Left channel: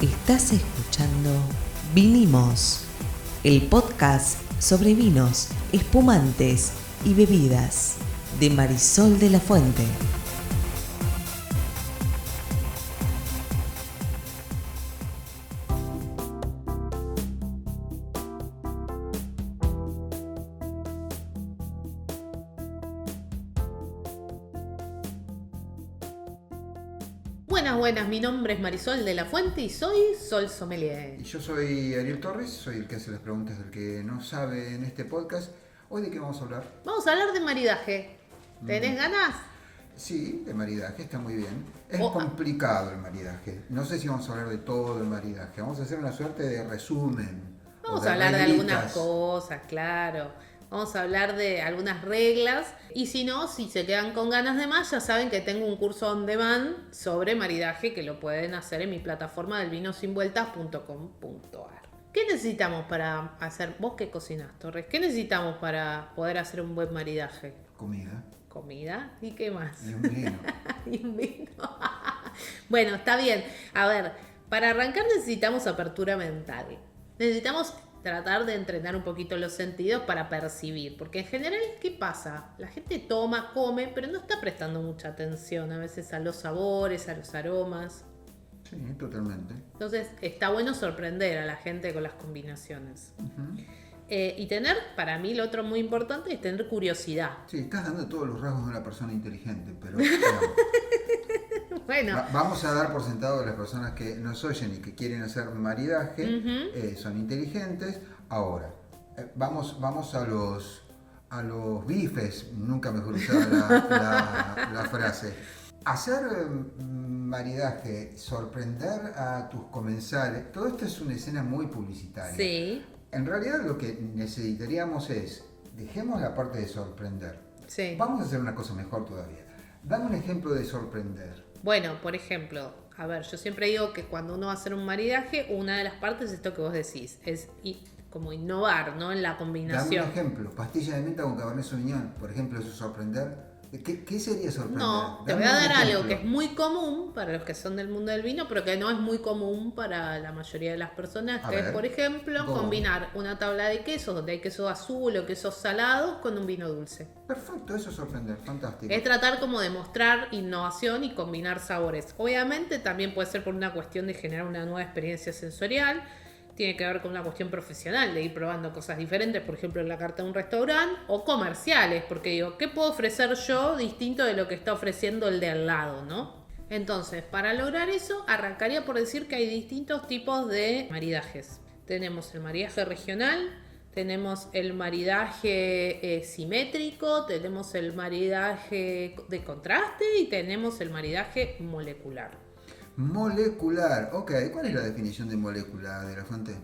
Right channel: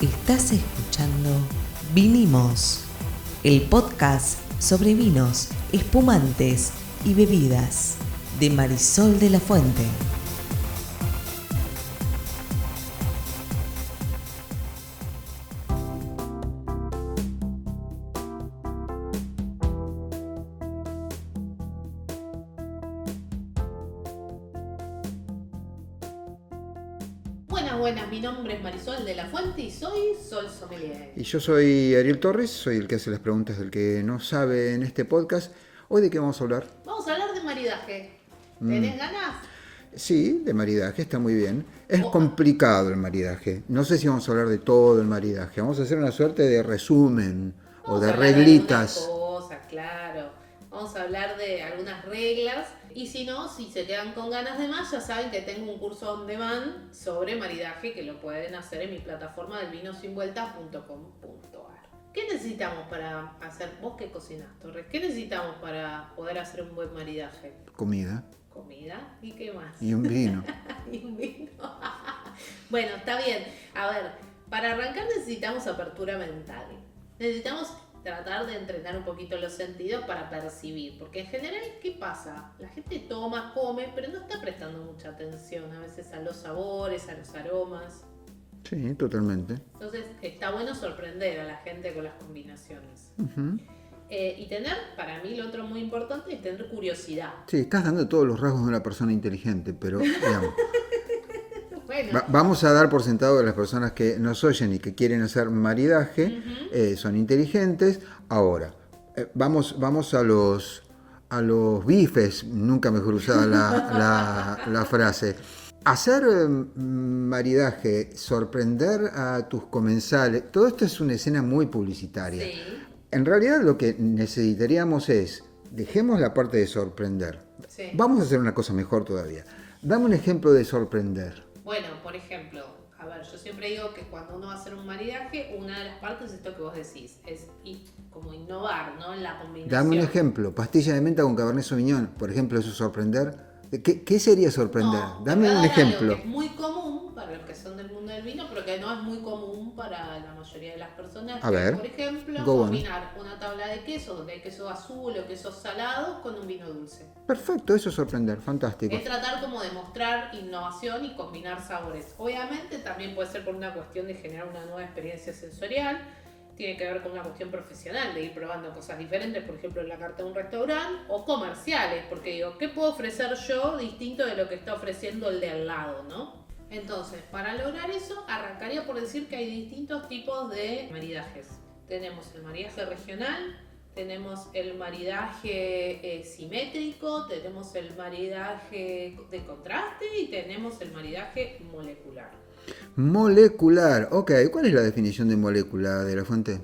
Estás escuchando Vinimos, el podcast sobre vinos, espumantes y bebidas de Marisol de la Fuente. Buenas, mi nombre es Marisol de la Fuente y soy Sol Sommelier. Y yo soy Ariel Torres, soy el que hace las preguntas del que no sabe en este podcast. ¿Hoy de qué vamos a hablar? Vamos a hablar de maridaje. ¿Tenés ganas? Sí, de maridaje, está muy bien. Es complicado el maridaje. No sé si vamos a hablar de todo el maridaje. Vamos a hacer una suerte de resumen o de reglitas. De algunas cosas, claro. Vamos a hablar de algunas reglas. Y si no, si se quedan con ganas de más, ya saben que tengo un curso on demand sobre maridaje que lo pueden hacer en mi plataforma del vinosinvueltas.com.ar. ¿Qué necesitamos para hacer? ¿Vos qué cocinás, Torres? ¿Qué necesitamos para poder hacer un buen maridaje? Comida. ¿Comida? ¿Y qué más? Y un vino. Y un vino. Bueno, está bien. A ver, para arrancar necesitamos apertura mental. Necesitamos tratar de entrenar un poquito los sentidos para percibir, porque en general, ¿qué pasa? La gente toma, come, pero no está prestando mucha atención a veces a los sabores, a los aromas. Sí, totalmente. Entonces, está bueno sorprender a la gente con las combinaciones. Y tener, para mí, lo otro muy importante es tener curiosidad. Sí, estás dando todos los rasgos de una persona inteligente, pero digamos, Bueno. vamos a dar por sentado que las personas que nos oyen y que quieren hacer maridaje son inteligentes. Ahora, vamos a los bifes, nunca mejor usada la frase. Hacer maridaje, sorprender a tus comensales, todo esto es una escena muy publicitaria. Sí. En realidad lo que necesitaríamos es, dejemos la parte de sorprender. Sí. Vamos a hacer una cosa mejor todavía. Dame un ejemplo de sorprender. Bueno, por ejemplo, a ver, yo siempre digo que cuando uno va a hacer un maridaje, una de las partes es esto que vos decís, es como innovar, ¿no? En la combinación. Dame un ejemplo, pastilla de menta con Cabernet Sauvignon, por ejemplo, eso es sorprender. ¿Qué sería sorprender? No, Dame un ejemplo. Algo que es muy común para los que son del mundo del vino, pero que no es muy común para la mayoría de las personas. A ver, por ejemplo, go on. combinar una tabla de quesos, donde hay queso azul o quesos salados, con un vino dulce. Perfecto, eso es sorprender, fantástico. Es tratar como de mostrar innovación y combinar sabores. Obviamente también puede ser por una cuestión de generar una nueva experiencia sensorial. Tiene que ver con una cuestión profesional, de ir probando cosas diferentes, por ejemplo en la carta de un restaurante, o comerciales, porque digo, ¿qué puedo ofrecer yo distinto de lo que está ofreciendo el de al lado, no? Entonces, para lograr eso, arrancaría por decir que hay distintos tipos de maridajes. Tenemos el maridaje regional, tenemos el maridaje simétrico, tenemos el maridaje de contraste y tenemos el maridaje molecular. Molecular, ok. ¿Cuál es la definición de molécula de la Fuente?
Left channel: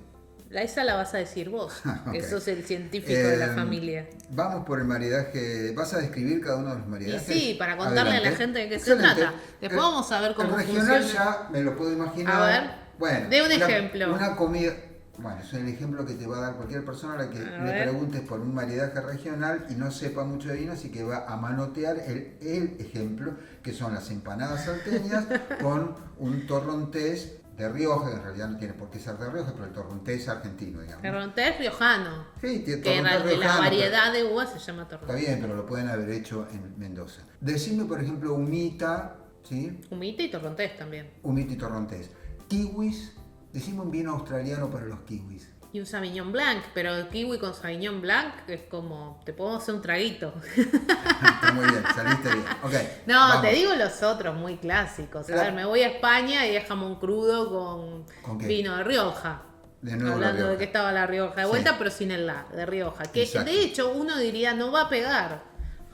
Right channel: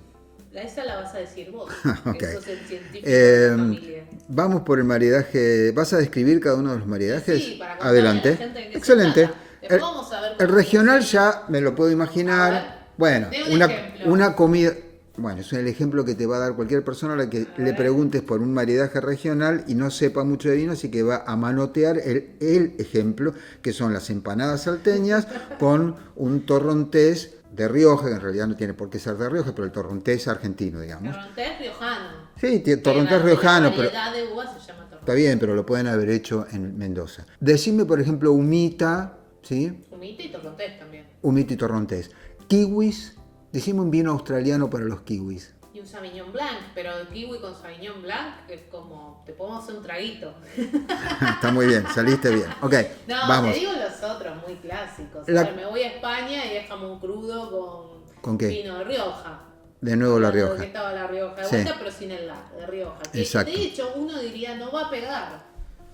Esa la vas a decir vos, Okay. que sos el científico de la familia. Vamos por el maridaje. ¿Vas a describir cada uno de los maridajes? Sí, para contarle Adelante. a la gente de qué Excelente. se trata. Después vamos a ver cómo el regional funciona. ya me lo puedo imaginar. A ver, bueno, de un ejemplo. una comida. Bueno, es el ejemplo que te va a dar cualquier persona a la que le preguntes por un maridaje regional y no sepa mucho de vino, así que va a manotear el ejemplo, que son las empanadas salteñas con un torrontés de Rioja, que en realidad no tiene por qué ser de Rioja, pero el torrontés argentino, digamos. Torrontés riojano. Sí, torrontés riojano, La pero variedad de uvas se llama torrontés. está bien, pero lo pueden haber hecho en Mendoza. Decime, por ejemplo, humita, ¿sí? Humita y torrontés también. Humita y torrontés. Kiwis. Decime un vino australiano para los kiwis. Y un Sauvignon Blanc, pero el kiwi con Sauvignon Blanc es como, te podemos hacer un traguito. Está muy bien, saliste bien. Ok, No, vamos. te digo los otros muy clásicos. La- A ver, me voy a España y es jamón crudo ¿Con qué? vino de Rioja. De nuevo la Hablando de Rioja. que estaba la Rioja de Sí. vuelta, pero sin el la, de Rioja. Que Exacto. de hecho uno diría no va a pegar.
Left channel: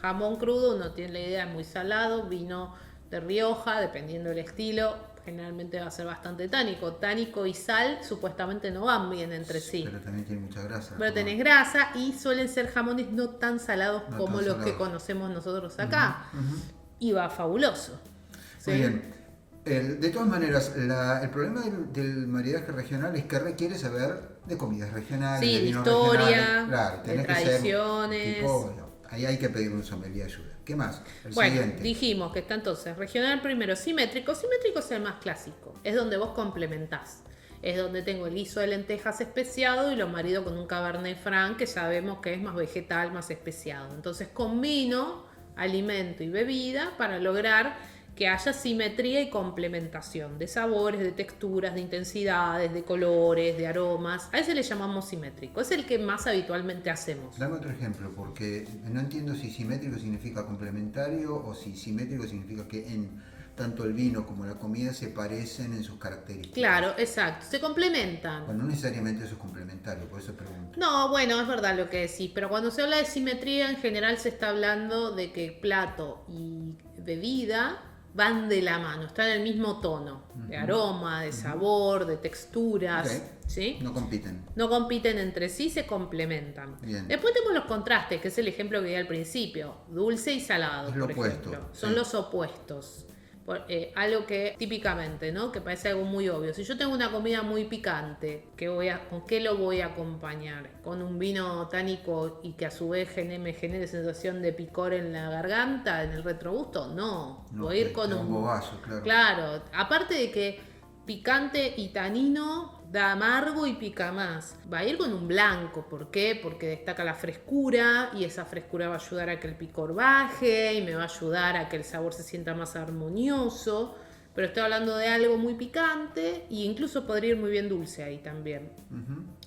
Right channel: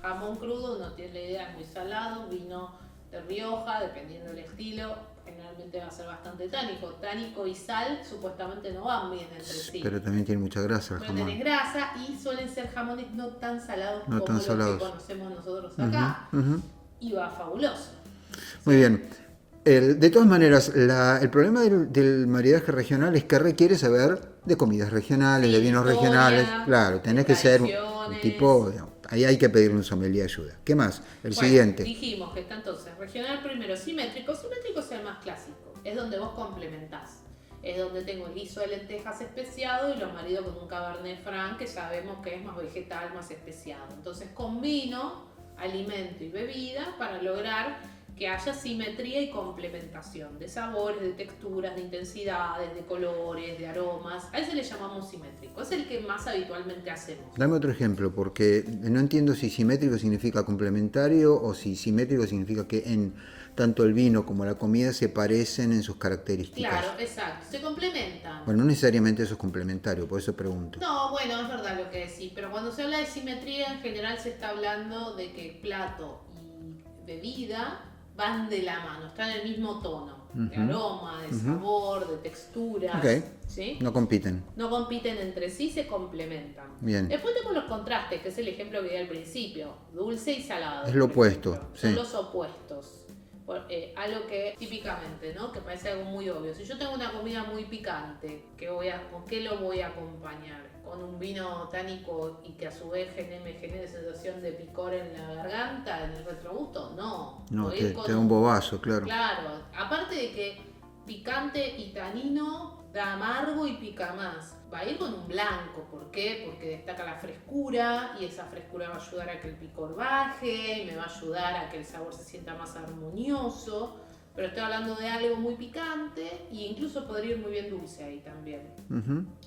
Jamón crudo, uno tiene la idea, muy salado, vino de Rioja, dependiendo del estilo, generalmente va a ser bastante tánico. Tánico y sal supuestamente no van bien entre sí. Pero también tiene mucha grasa. el Pero jamón. tenés grasa y suelen ser jamones no tan salados No como tan los salados. que conocemos nosotros acá. Ujú. Y va fabuloso. Muy bien. De todas maneras, el problema del maridaje regional es que requiere saber de comidas regionales, Sí, de vinos historia, regionales. Claro, tenés que ser un tradiciones. tipo. Digamos, ahí hay que pedirle un sommelier ayuda. ¿Qué más? El Bueno, siguiente. dijimos que está entonces regional primero simétrico. Simétrico es el más clásico. Es donde vos complementás. es donde tengo el guiso de lentejas especiado y lo marido con un Cabernet Franc que sabemos que es más vegetal, más especiado. Entonces combino alimento y bebida para lograr que haya simetría y complementación de sabores, de texturas, de intensidades, de colores, de aromas. A ese le llamamos simétrico, es el que más habitualmente hacemos. Dame otro ejemplo, porque no entiendo si simétrico significa complementario o si simétrico significa que en tanto el vino como la comida se parecen en sus características. Claro, exacto, se complementan. Bueno, no necesariamente eso es complementario, por eso pregunto. No, bueno, es verdad lo que decís, pero cuando se habla de simetría en general se está hablando de que plato y bebida van de la mano, están en el mismo tono, de aroma, de sabor, de texturas, Ok. ¿sí? No compiten. No compiten entre sí, se complementan. Bien. Después tenemos los contrastes, que es el ejemplo que di al principio, dulce y salado. Es lo por opuesto, ejemplo. sí. Son los opuestos. Algo que típicamente, ¿no? Que parece algo muy obvio. Si yo tengo una comida muy picante, ¿con qué lo voy a acompañar? ¿Con un vino tánico y que a su vez me genere sensación de picor en la garganta, en el retrogusto? No. No, Voy a ir te con da un bobazo, claro. Claro, aparte de que picante y tanino da amargo y pica más. Va a ir con un blanco, ¿por qué? Porque destaca la frescura y esa frescura va a ayudar a que el picor baje y me va a ayudar a que el sabor se sienta más armonioso. Pero estoy hablando de algo muy picante e incluso podría ir muy bien dulce ahí también.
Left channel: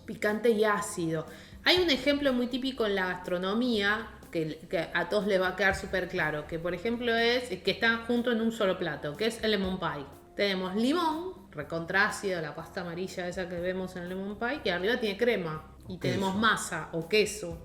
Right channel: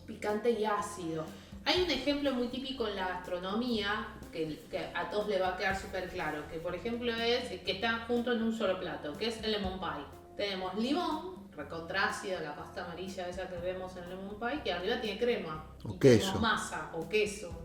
Picante y ácido. Hay un ejemplo muy típico en la gastronomía que a todos les va a quedar súper claro, que por ejemplo es que están juntos en un solo plato, que es el lemon pie. Tenemos limón, recontra ácido, la pasta amarilla esa que vemos en el lemon pie, que arriba tiene crema. O y queso. tenemos masa o queso.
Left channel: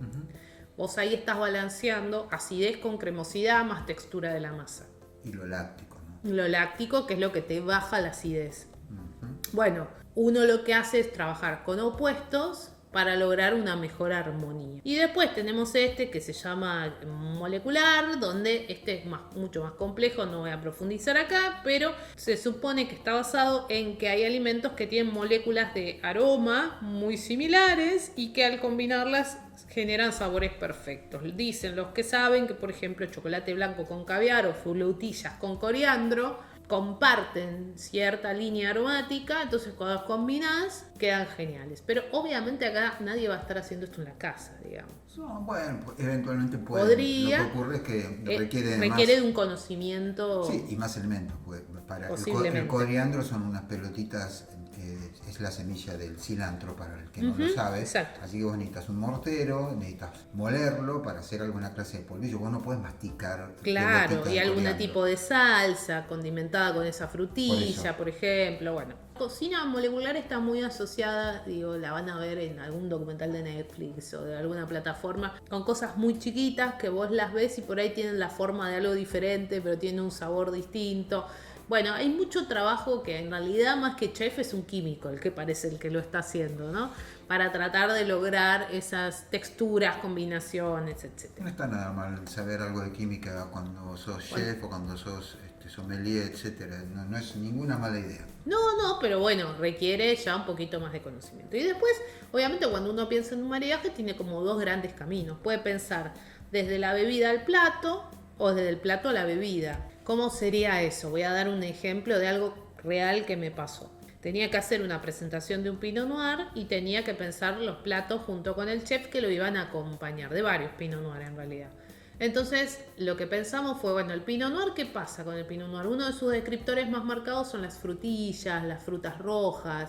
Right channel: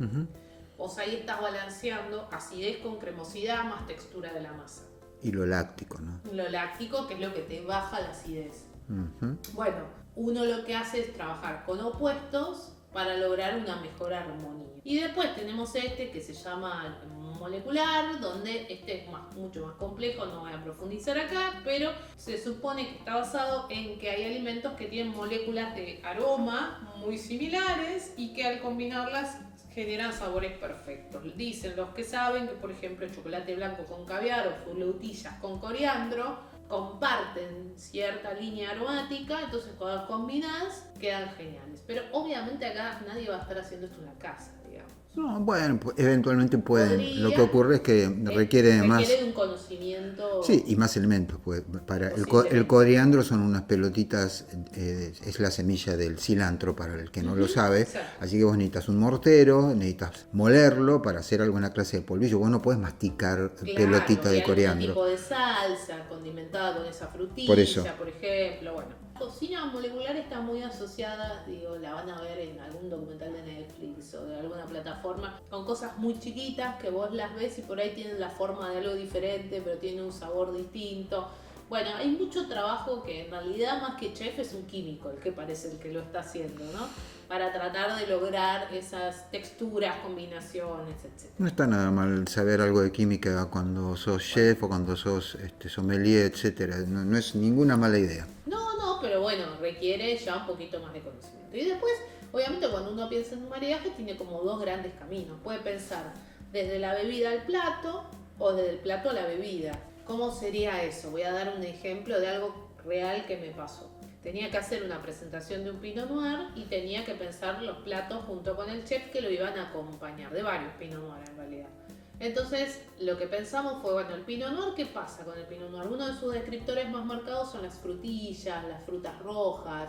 Vos ahí estás balanceando acidez con cremosidad más textura de la masa. Y lo láctico, ¿no? Lo láctico, que es lo que te baja la acidez. Ujú. Bueno, uno lo que hace es trabajar con opuestos para lograr una mejor armonía. Y después tenemos este que se llama molecular, donde este es mucho más complejo, no voy a profundizar acá, pero se supone que está basado en que hay alimentos que tienen moléculas de aroma muy similares y que al combinarlas generan sabores perfectos. Dicen los que saben que, por ejemplo, el chocolate blanco con caviar o frutillas con coriandro comparten cierta línea aromática, entonces cuando las combinás quedan geniales. Pero obviamente acá nadie va a estar haciendo esto en la casa, digamos. No, bueno, eventualmente pueden. Podría, Lo que ocurre es que requiere más. Requiere de un conocimiento. Sí, y más elementos. Pues, el Posiblemente. coriandro son unas pelotitas, es la semilla del cilantro para el que no lo sabe. Exacto. Así que vos necesitas un mortero, necesitas molerlo para hacer alguna clase de polvillo. Vos no podés masticar pelotita y de algún coriandro. tipo de salsa condimentada con esa frutilla, Por eso. por ejemplo. Bueno, la cocina molecular está muy asociada, digo, la van a ver en algún documental de Netflix o de alguna plataforma, con cosas muy chiquitas que vos las ves y por ahí tienen la forma de algo diferente, pero tienen un sabor distinto. Bueno, hay mucho trabajo que en realidad más que chef es un químico el que parece el que lo está haciendo, ¿no? Para tratar de lograr esas texturas, combinaciones, etc. No está nada mal saber algo de química cuando sos chef o cuando sos sommelier, etcétera. No es ninguna mala idea. No, pero bueno, requiere ya un poquito más de conocimiento. Y después, obviamente, cuando uno piensa en un maridaje, tiene como dos grandes caminos. Puede pensar desde la bebida al plato o desde el plato a la bebida. ¿Cómo sería eso? Voy a dar un ejemplo de algo real que me pasó. Tenía que hacer una presentación de un Pinot Noir y tenía que pensar los platos junto con el chef que lo iban a acompañar, de varios Pinot Noir en realidad. Entonces, lo que pensamos fue, bueno, el Pinot Noir, ¿qué pasa con el Pinot Noir? Uno de sus descriptores más marcados son las frutillas, las frutas rojas.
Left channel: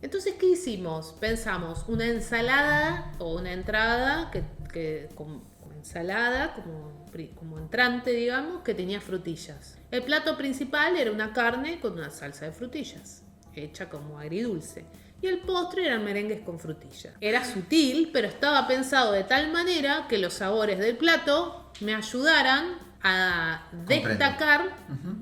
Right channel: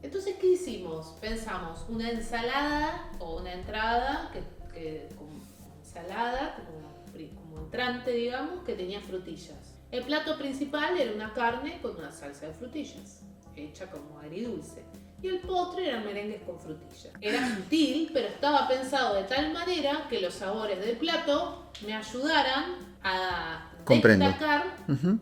Entonces, ¿qué hicimos? Pensamos una ensalada o una entrada, como ensalada, como entrante, digamos, que tenía frutillas. El plato principal era una carne con una salsa de frutillas, hecha como agridulce. Y el postre eran merengues con frutillas. Era sutil, pero estaba pensado de tal manera que los sabores del plato me ayudaran a destacar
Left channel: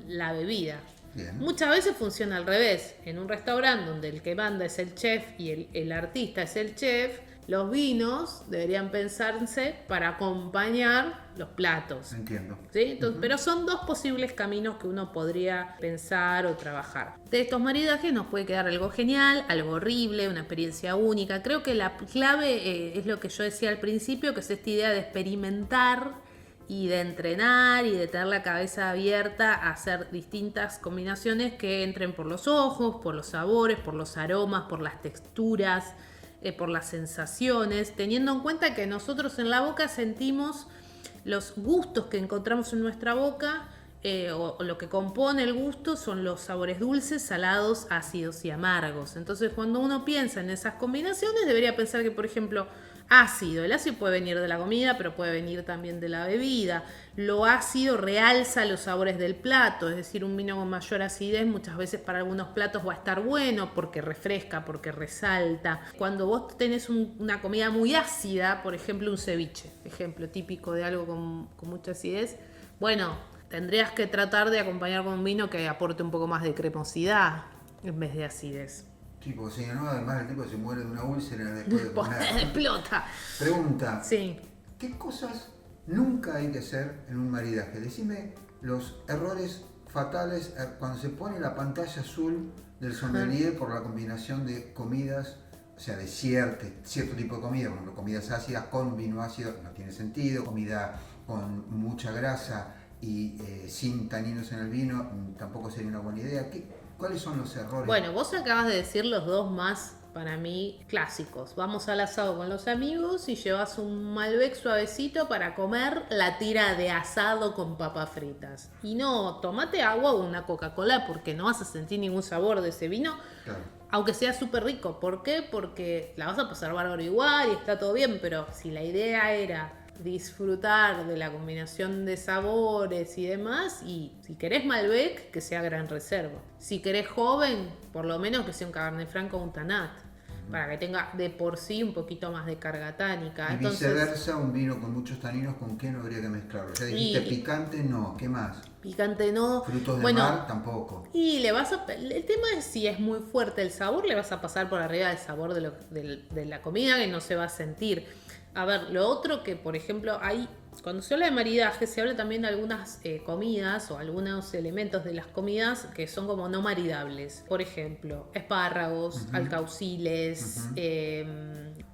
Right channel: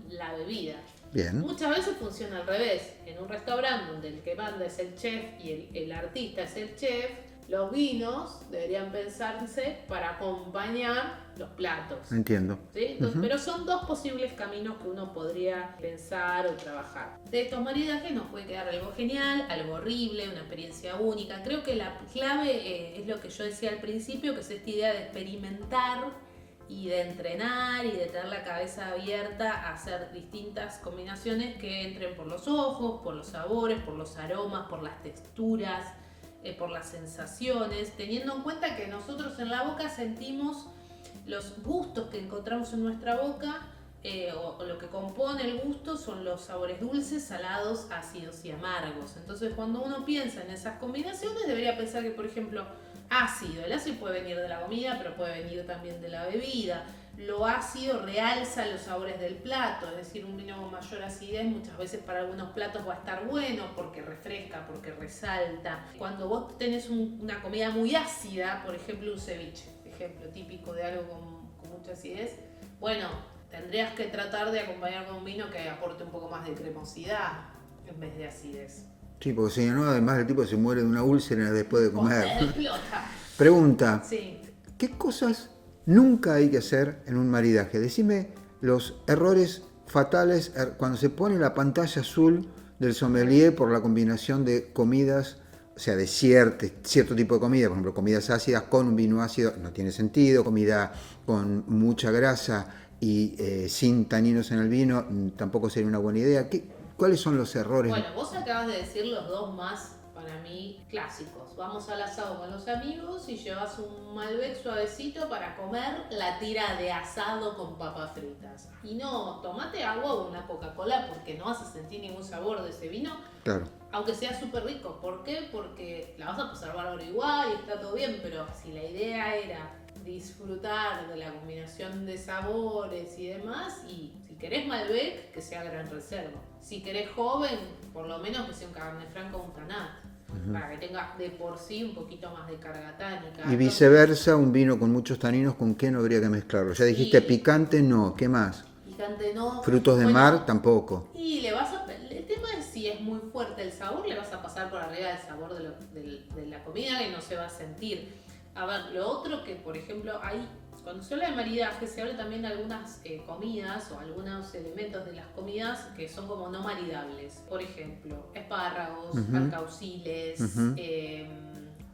la bebida. Bien. Muchas veces funciona al revés. En un restaurante donde el que manda es el chef y el artista es el chef, los vinos deberían pensarse para acompañar los platos. Entiendo. ¿Sí? Entonces, pero son dos posibles caminos que uno podría pensar o trabajar. De estos maridajes nos puede quedar algo genial, algo horrible, una experiencia única. Creo que la clave es lo que yo decía al principio, que es esta idea de experimentar y de entrenar y de tener la cabeza abierta a hacer distintas combinaciones que entren por los ojos, por los sabores, por los aromas, por las texturas, por las sensaciones, teniendo en cuenta que nosotros en la boca sentimos los gustos que encontramos en nuestra boca, o lo que compone el gusto son los sabores dulces, salados, ácidos y amargos. Entonces, cuando uno piensa en esas combinaciones, debería pensar que, por ejemplo, ácido. El ácido puede venir de la comida, pero puede venir también de la bebida. Lo ácido realza los sabores del plato, es decir, un vino con mayor acidez muchas veces para algunos platos va a estar bueno porque refresca, porque resalta. Cuando vos tenés una comida muy ácida, por ejemplo un ceviche, ejemplo típico de algo con mucha acidez, bueno, tendrías que tratar de acompañar con un vino que aporte un poco más de cremosidad en vez de acidez. Sí, porque si no, además el tipo se muere de una úlcera después de comer. Explota. Pregunta, Sí. ¿qué cosas nunca hay que hacer en un maridaje? Decime los errores fatales cuando se pone la pantalla azul del sommelier por la combinación de comidas, o sea, de cierto tipo de comida, por ejemplo, comidas ácidas con un vino ácido, no tiene sentido, comida con mucha grasa y sin taninos en el vino, tampoco sería una buena idea. ¿Cuáles son los errores? Bueno, vos acabas de decir los dos más, para mí, clásicos. Vamos al asado con los amigos y llevas un Malbec suavecito para comer la tira de asado con papas fritas. Y no, tomate agua o una Coca-Cola porque no vas a sentir ningún sabor de ese vino. Claro. Aunque sea súper rico. ¿Por qué? Porque la vas a pasar bárbaro igual y está todo bien, pero si la idea era disfrutar de la combinación de sabores y demás, y si querés Malbec, que sea Gran Reserva. Si querés joven, por lo menos que sea un Cabernet Franc o un Tanat, para que tenga de por sí un poquito más de carga tánica. Y viceversa, un vino con muchos taninos, ¿con qué no habría que mezclarlo? Ya dijiste picante, no, ¿qué más? Picante no. Frutos de mar, tampoco. Y el tema es si es muy fuerte el sabor, le vas a pasar por arriba del sabor de la comida que no se va a sentir. A ver, lo otro que, por ejemplo, cuando se habla de maridaje, se habla también de algunas comidas o algunos elementos de las comidas que son como no maridables. Por ejemplo, espárragos, alcauciles,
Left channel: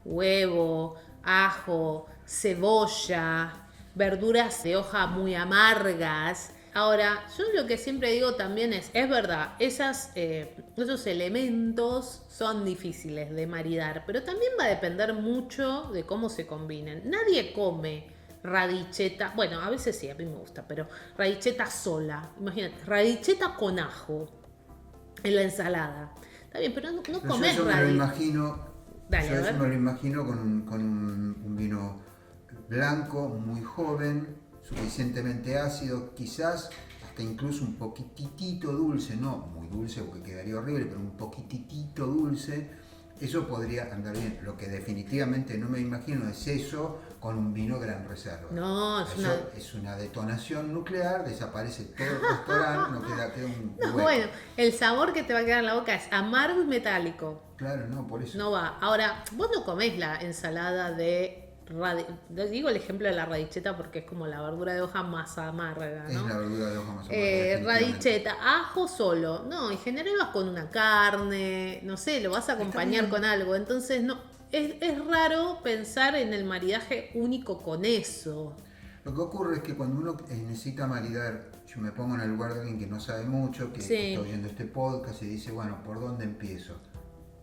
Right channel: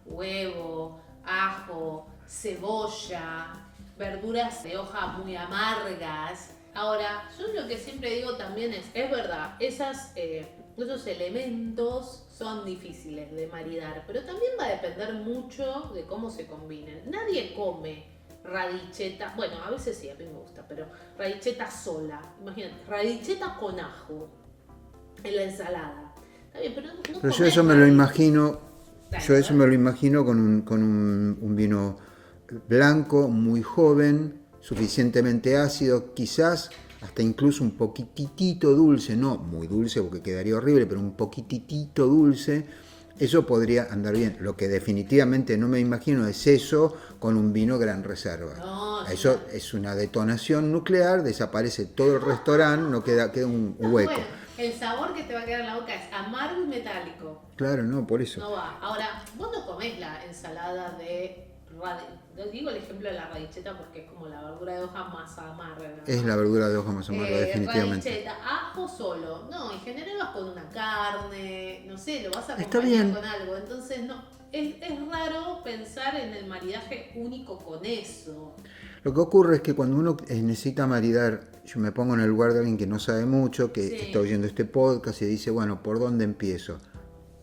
huevo, ajo, cebolla, verduras de hoja muy amargas. Ahora, yo lo que siempre digo también es verdad, esos elementos son difíciles de maridar, pero también va a depender mucho de cómo se combinen. Nadie come radicheta, bueno, a veces sí, a mí me gusta, pero radicheta sola. Imagínate, radicheta con ajo en la ensalada. Está bien, pero no pero yo eso me lo imagino, me lo imagino con un vino blanco, muy joven, suficientemente ácido, quizás hasta incluso un poquitito dulce, no muy dulce porque quedaría horrible, pero un poquitito dulce, eso podría andar bien. Lo que definitivamente no me imagino es eso con un vino Gran Reserva. No, eso es una detonación nuclear, desaparece todo el restaurante, no queda un hueco. Bueno, el sabor que te va a quedar en la boca es amargo y metálico. Claro, no, por eso. No va. Ahora, vos no comés la ensalada de... Digo el ejemplo de la radicheta porque es como la verdura de hoja más amarga, ¿no? Es la verdura de hoja más amarga, definitivamente. Radicheta, ajo solo. No, en general vas con una carne, no sé, lo vas a acompañar con algo. Entonces, no, es raro pensar en el maridaje único con eso. Lo que ocurre es que cuando uno necesita maridar, yo me pongo en el lugar de alguien que no sabe mucho, que está oyendo este podcast y dice, bueno, ¿por dónde empiezo?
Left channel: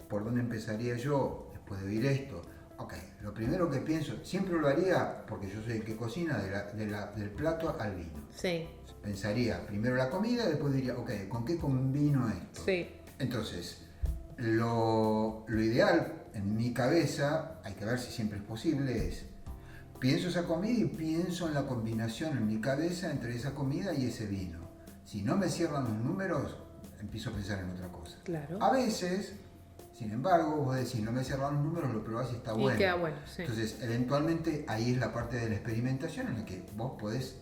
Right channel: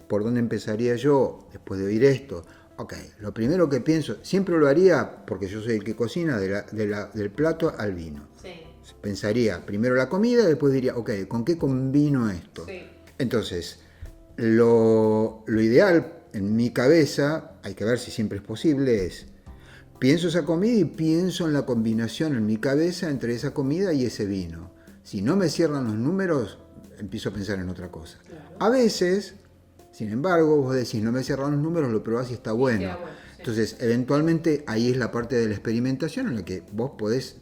¿Por dónde empezaría yo después de oír esto? Ok, lo primero que pienso, siempre lo haría, porque yo soy el que cocina, del plato al vino. Sí. Pensaría primero la comida y después diría, ok, ¿con qué combino esto? Sí. Entonces, lo ideal en mi cabeza, hay que ver si siempre es posible, es pienso esa comida y pienso en la combinación en mi cabeza entre esa comida y ese vino. Si no me cierran los números, empiezo a pensar en otra cosa. Claro. A veces... Sin embargo, vos decís, no me cierran los números, lo probás y está bueno. Sí. Entonces, eventualmente, ahí es la parte de la experimentación en la que vos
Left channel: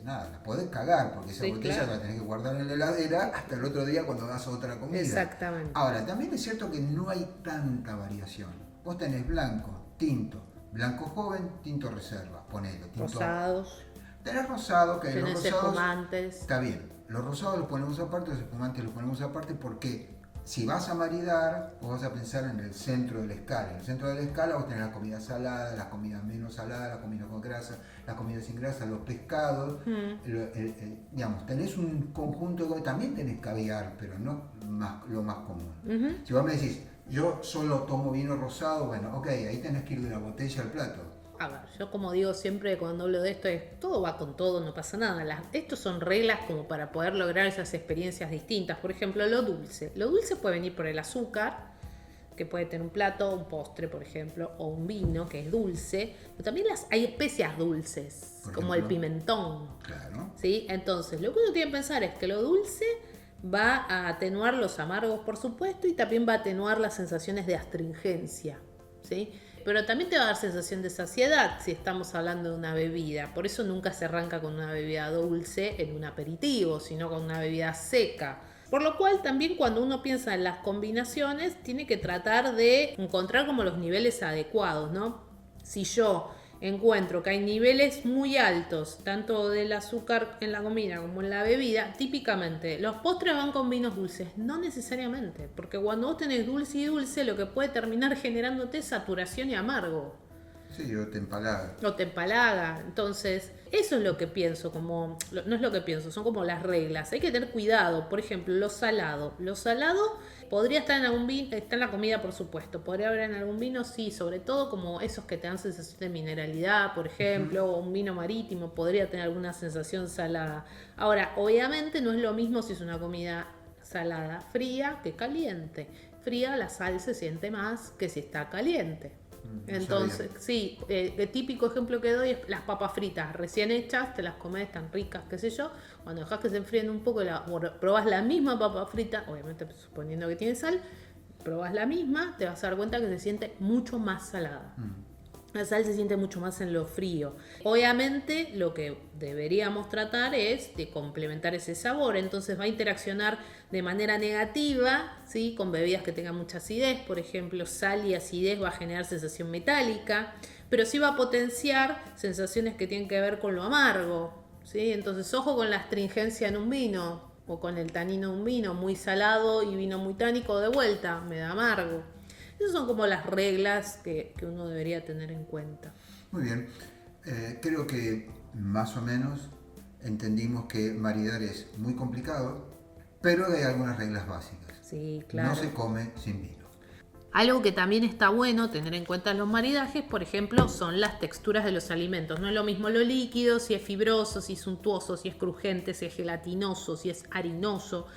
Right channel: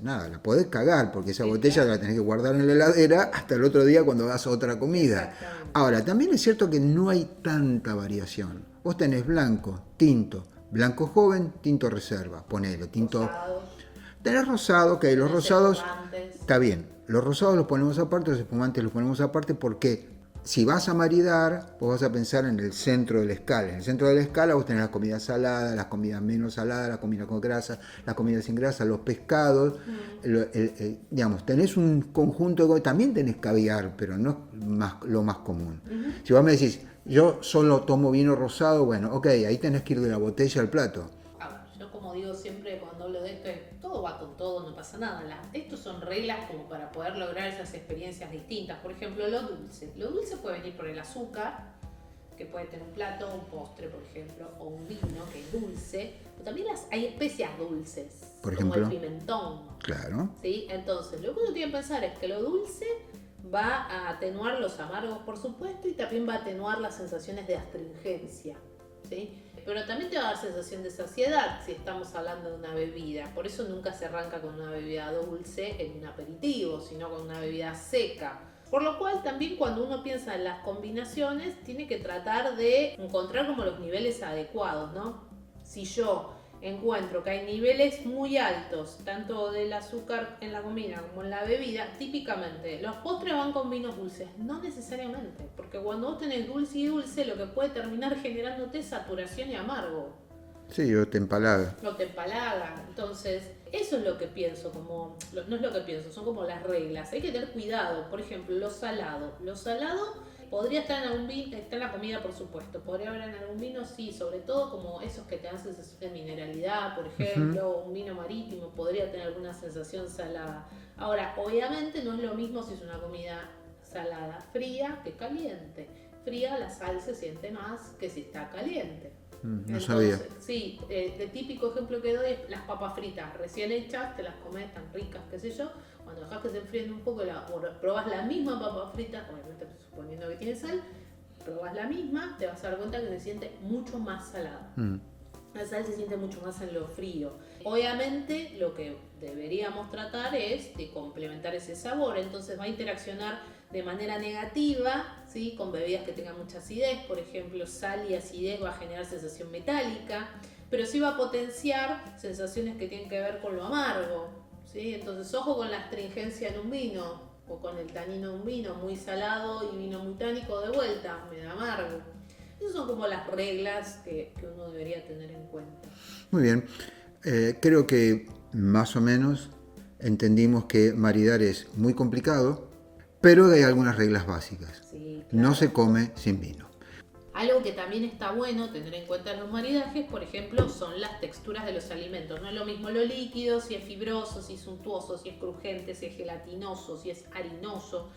la podés cagar, porque esa botella la tenés que guardar en la heladera hasta el otro día cuando vas a otra comida. Exactamente. Ahora, también es cierto que no hay tanta variación. Vos tenés blanco, tinto, blanco joven, tinto reserva, ponele, tinto... Rosados. Tenés rosado, que los rosados... Espumantes. Está bien, los rosados los ponemos aparte, los espumantes los ponemos aparte porque... si vas a maridar, vos vas a pensar en el centro de la escala. En el centro de la escala vos tenés las comidas saladas, las comidas menos saladas, las comidas con grasa, las comidas sin grasa, los pescados. Digamos, tenés un conjunto, también tenés caviar, pero no lo más común. Si vos me decís, yo solo tomo vino rosado, bueno, ok, ahí tenés que ir de la botella al plato. Yo como digo siempre cuando hablo de esto, todo va con todo, no pasa nada. Estos son reglas como para poder lograr esas experiencias distintas. Por ejemplo, lo dulce. Lo dulce puede venir por el azúcar, que puede tener un plato, un postre, por ejemplo, o un vino que es dulce. Pero también hay especias dulces, por como ejemplo, el pimentón. Claro. ¿Sí? Entonces, lo que uno tiene que pensar es que lo dulce va a atenuar los amargos, por supuesto, y también va a atenuar las sensaciones de astringencia, ¿sí? Pero también te va a dar sensación de saciedad si estamos hablando de una bebida. Por eso nunca se arranca con una bebida dulce en un aperitivo, sino con una bebida seca. Por lo cual también cuando uno piensa en las combinaciones, tiene que tratar de encontrar como los niveles adecuados, ¿no? Si yo encuentro que hay niveles muy altos, tanto del azúcar en la comida como en la bebida, típicamente los postres van con vinos dulces, no necesariamente, porque cuando vos tenés dulce y dulce, lo que puede terminar generándote es saturación y amargo. Sí, o te empalaga. O te empalaga. Entonces, eso es lo que pienso, no es lo que pienso, son como las reglas. Hay que tener cuidado, por ejemplo, lo salado. Lo salado podría estar en algún vino, está en la comida por supuesto, podría haber en algún vino, sí, sobre todo como esos que te dan sensación de mineralidad, por ejemplo, o un vino marítimo, podría tener alguna sensación salada. Ahora, obviamente no es lo mismo si es una comida salada fría que caliente. Fría la sal se siente más que si está caliente. No Entonces, sabía. sí, el típico ejemplo que doy es las papas fritas recién hechas, te las comes tan ricas, qué sé yo. Cuando dejas que se enfríen un poco, probás la misma papa frita, obviamente suponiendo que tiene sal, probás la misma, te vas a dar cuenta que se siente mucho más salada. La sal se siente mucho más en lo frío. Obviamente lo que deberíamos tratar es de complementar ese sabor, entonces va a interaccionar de manera negativa, ¿sí? Con bebidas que tengan mucha acidez, por ejemplo, sal y acidez va a generar sensación metálica, pero sí va a potenciar sensaciones que tienen que ver con lo amargo, ¿sí? Entonces ojo con la astringencia en un vino o con el tanino de un vino muy salado y vino muy tánico, de vuelta me da amargo. Esas son como las reglas que uno debería tener en cuenta. Muy bien. Creo que más o menos entendimos que maridar es muy complicado, pero hay algunas reglas básicas. Sí, claro. No se come sin vino. Algo que también está bueno tener en cuenta en los maridajes, por ejemplo, son las texturas de los alimentos. No es lo mismo lo líquido, si es fibroso, si es untuoso, si es crujiente, si es gelatinoso, si es harinoso.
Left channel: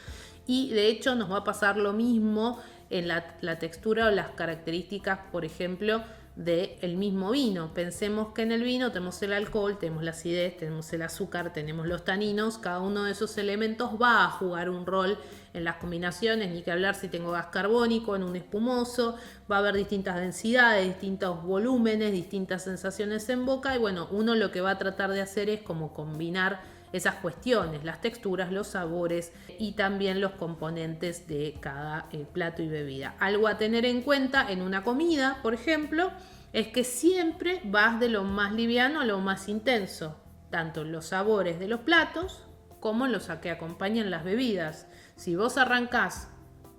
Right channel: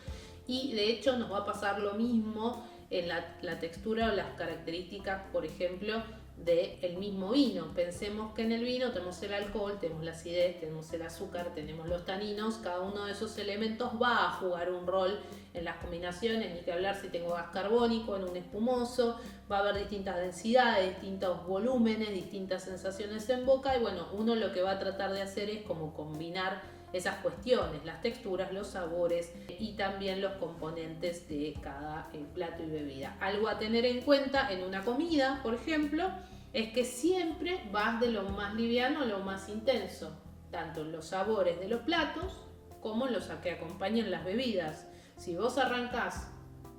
Y de hecho nos va a pasar lo mismo en la textura o las características, por ejemplo, del mismo vino. Pensemos que en el vino tenemos el alcohol, tenemos la acidez, tenemos el azúcar, tenemos los taninos. Cada uno de esos elementos va a jugar un rol en las combinaciones, ni que hablar si tengo gas carbónico en un espumoso. Va a haber distintas densidades, distintos volúmenes, distintas sensaciones en boca. Y bueno, uno lo que va a tratar de hacer es como combinar esas cuestiones, las texturas, los sabores y también los componentes de cada plato y bebida. Algo a tener en cuenta en una comida, por ejemplo, es que siempre vas de lo más liviano a lo más intenso, tanto en los sabores de los platos como en los que acompañan las bebidas. Si vos arrancás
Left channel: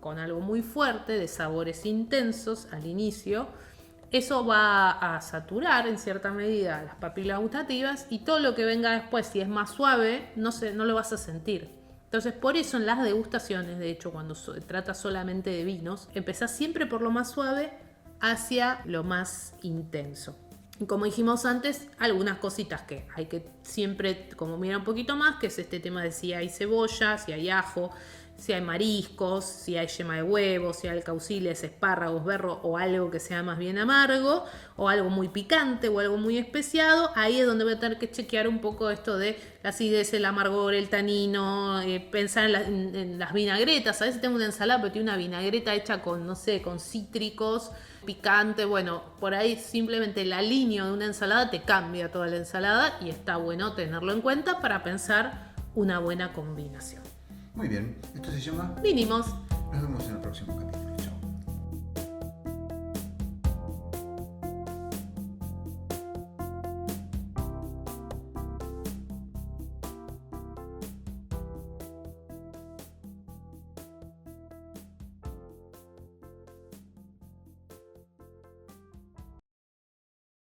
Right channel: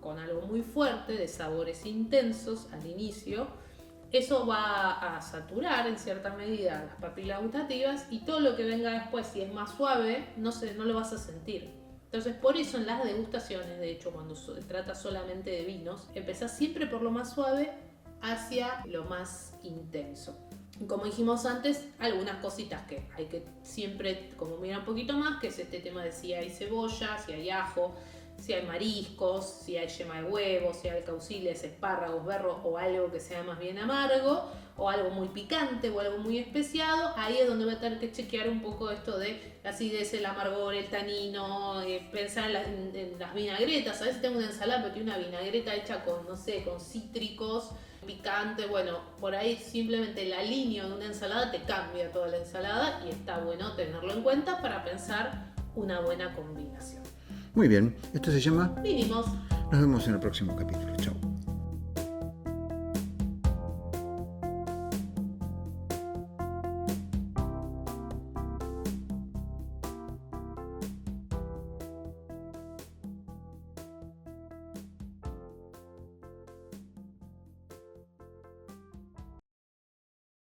con algo muy fuerte, de sabores intensos al inicio, eso va a saturar en cierta medida las papilas gustativas y todo lo que venga después, si es más suave, no lo vas a sentir. Entonces, por eso en las degustaciones, de hecho, cuando se trata solamente de vinos, empezás siempre por lo más suave hacia lo más intenso. Y como dijimos antes, algunas cositas que hay que siempre como mirar un poquito más, que es este tema de si hay cebolla, si hay ajo, si hay mariscos, si hay yema de huevo, si hay alcauciles, espárragos, berro o algo que sea más bien amargo, o algo muy picante o algo muy especiado. Ahí es donde voy a tener que chequear un poco esto de la acidez, el amargor, el tanino, pensar en las vinagretas. A veces tengo una ensalada pero tiene una vinagreta hecha con, no sé, con cítricos, picante. Bueno, por ahí simplemente la línea de una ensalada te cambia toda la ensalada y está bueno tenerlo en cuenta para pensar una buena combinación. Muy bien, esto se llama Vinimos. Nos vemos en el próximo capítulo. Chao.